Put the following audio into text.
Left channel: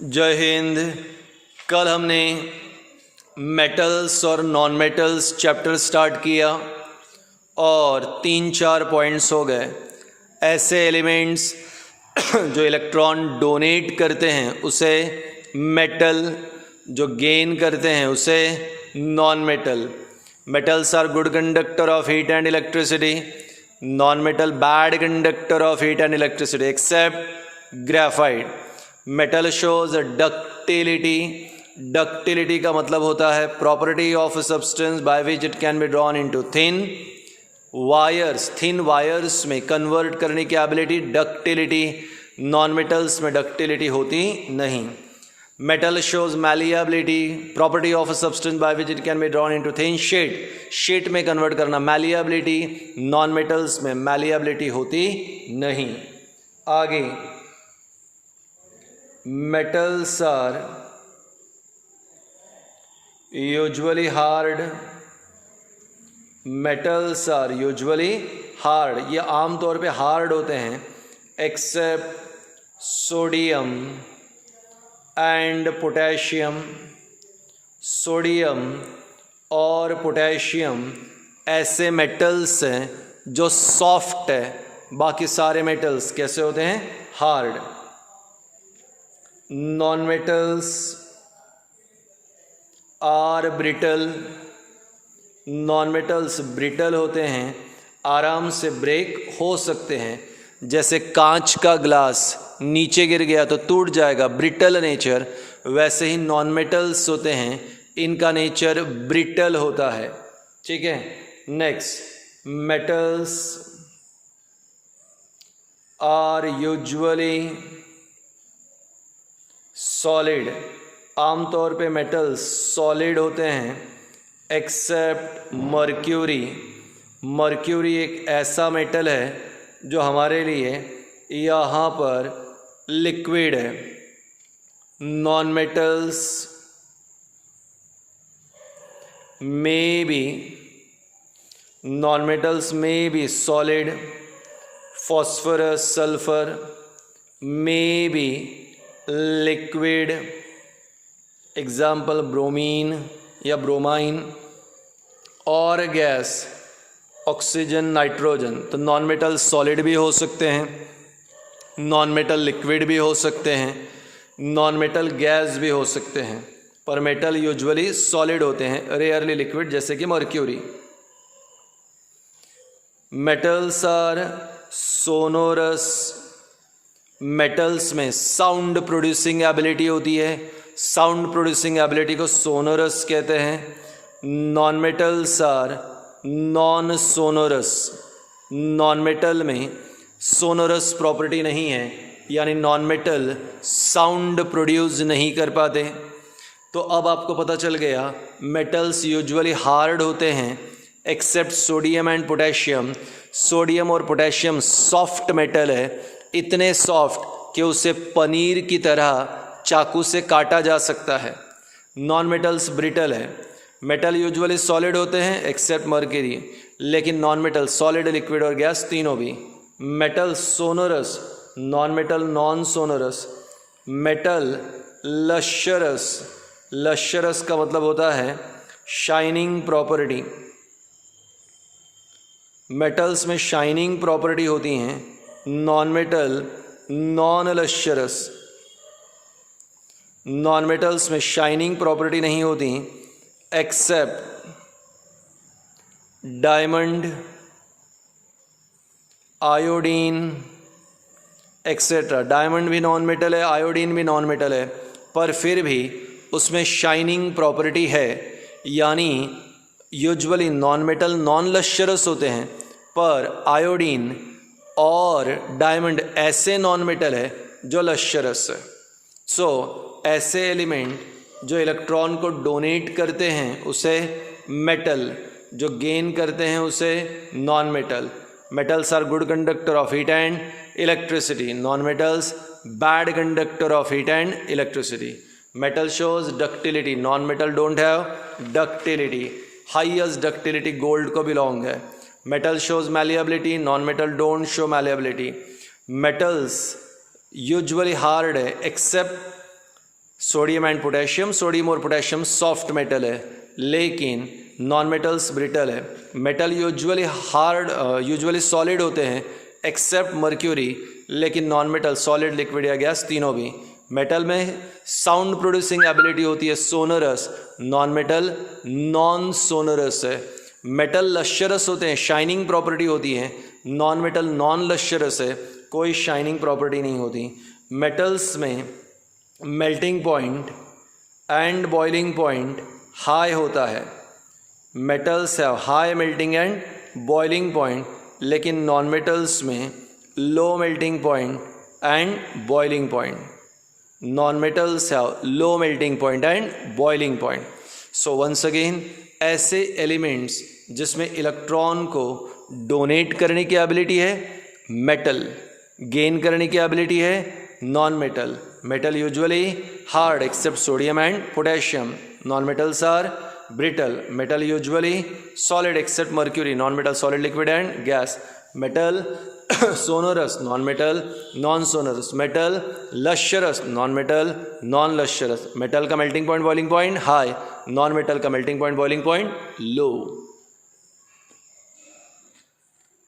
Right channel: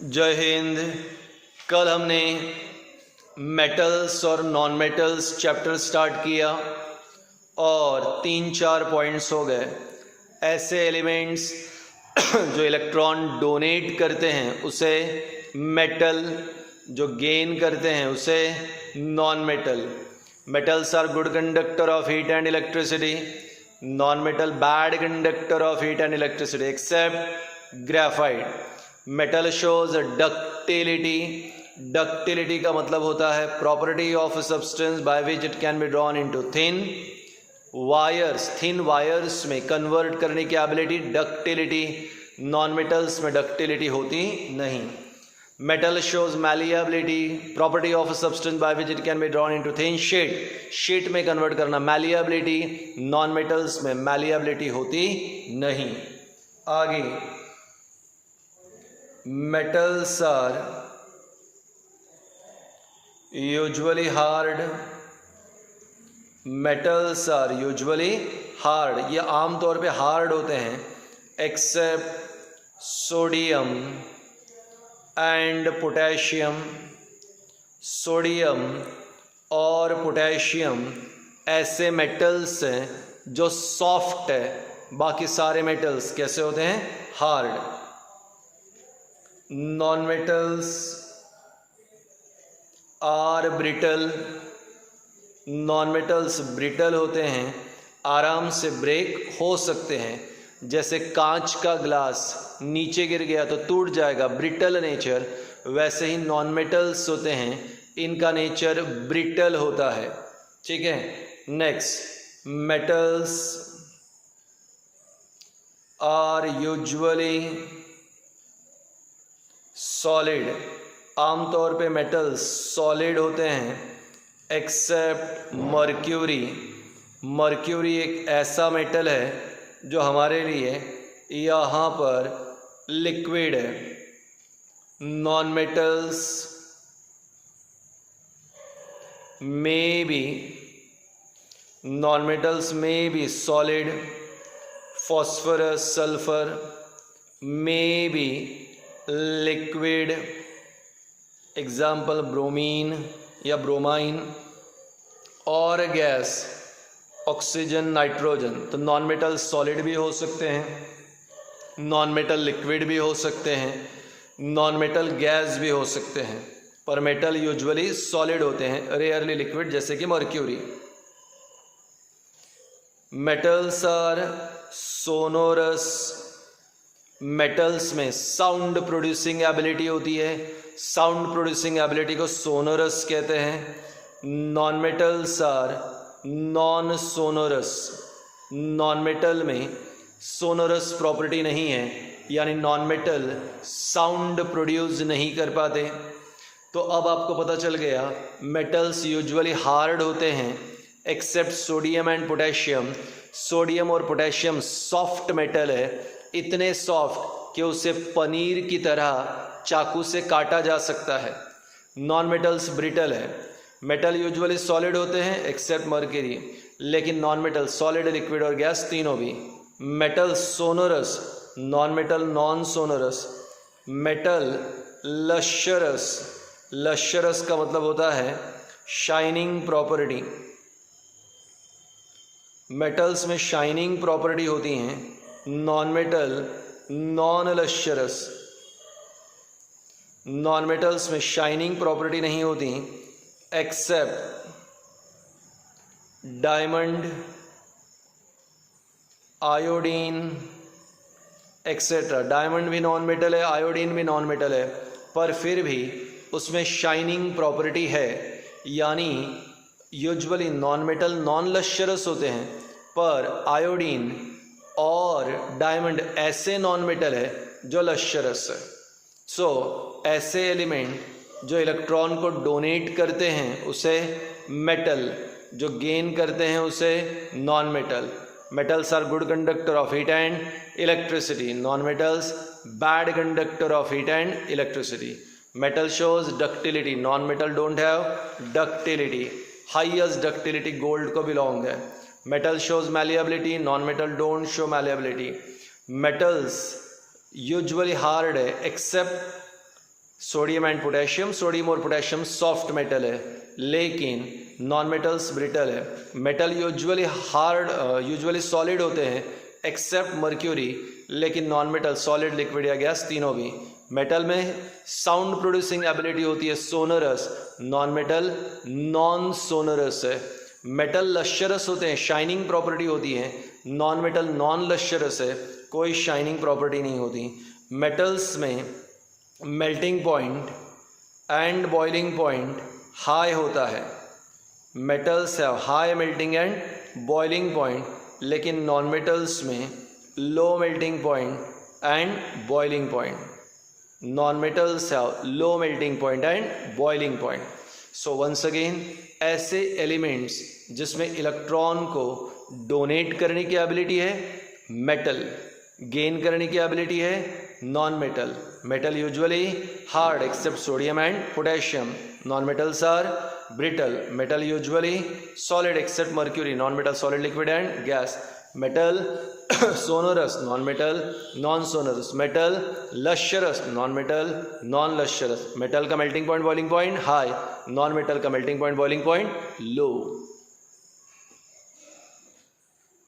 जय हिंद। कल हमने मेटल्स और नॉन मेटल्स चैप्टर स्टार्ट किया और 3-4 पॉइंट्स हो गए। ऐसे एलिमेंट्स जो इलेक्ट्रॉन डोनेट करते हैं उसे मेटल, जो गेन करते हैं उसे non metal. Metals are good conductor of heat and electricity, non metal bad conductor of heat and electricity except graphite. Metal shows ductility. Ductility का मतलब होता है property of substance by which it can be drawn into thin wires. Thin wires में convert करने की ability ductility. Non metals में ductility होती नहीं। Metal shows malleability, property of substance by which it can be drawn into thin sheet. Sheet में convert करना malleability. Non metals में malleability होती नहीं। आगे, metals are usually hard. metals are usually hard, ये आम तौर पे हार्ड होते हैं except sodium and potassium. Sodium और पोटेशियम ऐसे मेटल्स हैं जो सॉफ्ट है, बाकी सारे मेटल्स कैसे होते हैं? Hard. Non metals are brittle. Non metals brittle होते हैं, आराम से ब्रेक हो सकते हैं। जैसे कांच का ग्लास नीचे गिर गया तो टूट जाएगा, ब्रिटल नेचर। वैसे ही नॉन मेटल्स होते हैं, इनका नेचर ब्रिटल होता है। ठीक है। Next, metals are usually solid. आमतौर पे मेटल्स सॉलिड होते हैं एक्सेप्ट मर्क्यूरी। मर्क्यूरी एक ऐसा मेटल है जो हमारे लिए यहाँ पर लिक्विड है। नॉन मेटल्स में बी सॉलिड। फॉस्फोरस, सल्फर में बी लिक्विड, एग्जाम्पल ब्रोमीन या ब्रोमाइन। और गैस ऑक्सीजन, नाइट्रोजन। तो नॉन मेटल सॉलिड भी हो सकते हैं, नॉन मेटल लिक्विड भी हो सकते हैं, नॉन मेटल गैस भी हो सकते हैं, पर मेटल यूजुअली सॉलिड होते हैं, रेयरली लिक्विड, जैसे कि mercury. Metals are sonorous. Metals में साउंड प्रोड्यूसिंग एबिलिटी होती है, साउंड प्रोड्यूसिंग एबिलिटी को सोनोरस कहते हैं। Non metals are non sonorous. Non metal में सोनोरस प्रॉपर्टी नहीं है, यानी नॉन मेटल साउंड प्रोड्यूस नहीं कर पाते। तो अब आपको पता चल गया मेटल्स यूजुअली हार्ड होते हैं except sodium and potassium. Sodium और पोटेशियम सॉफ्ट मेटल है, इतने सॉफ्ट कि उसे पनीर की तरह चाकू से काटा जा सकता है। नॉन मेटल्स ब्रिटल है। मेटल यूजुअली सॉलिड होते हैं एक्सेप्ट मर्क्यूरी, लेकिन नॉन मेटल सॉलिड, लिक्विड और गैस तीनों भी। Metal sonorous, non metal non sonorous. Metal lustrous. Lustrous का मतलब होता है शाइनिंग प्रॉपर्टी। मेटल्स में शाइनिंग प्रॉपर्टी होती हैं, non metal non lustrous. Non metals में शाइनिंग प्रॉपर्टी नहीं होती except diamond, iodine etcetera. Diamond भी नॉन मेटल है, आयोडीन भी नॉन मेटल है, पर फिर भी उसमें शाइनिंग प्रॉपर्टी है, यानी यूजुअली नॉन मेटल नॉन लश्यरस होते हैं, पर आयोडीन और डायमंड ऐसे नॉन मेटल है जो लश्यरस है। सो ऐसे एलिमेंट जो इलेक्ट्रॉन को डोनेट करते हैं उसे मेटल, जो गेन करते हैं उसे non metal. Metals are good conductor of heat and electricity, non metals bad conductor of heat and electricity. Metal shows ductility, non metal don't have ductility. Highest ductility gold को belong है। Metal shows malleability, non metal don't show malleability. Metals usually hard है except sodium and potassium, sodium और potassium soft metal है, लेकिन non metals brittle है। Metal usually solid होते हैं except mercury, लेकिन नॉन मेटल सॉलिड, लिक्विड या gas तीनों भी। मेटल में साउंड प्रोड्यूसिंग एबिलिटी होती है sonorous, non metal non sonorous है। मेटल लश्चरस होते हैं, शाइनिंग प्रॉपर्टी होती है, नॉन मेटल नॉन लश्चरस है, कोई शाइनिंग प्रॉपर्टी नहीं होती। मेटल्स में melting point and boiling point high होता है। Metals have high melting and boiling point, लेकिन नॉन मेटल्स में low melting point and boiling point. Non metals have low melting point and boiling point. So once again, ऐसे elements जिसमें electron को donate करने की ability है metal, gain करने की एबिलिटी है non metal. Metal usually hard except sodium and potassium, non metals are brittle. Metal usually solid except mercury, non-metal solid, liquid and gas. Metal sonorous, non-metal non-sonorous. Metal lustrous, non-metal non-lustrous. Metal का melting point boiling point high, non-metal का melting point boiling point low.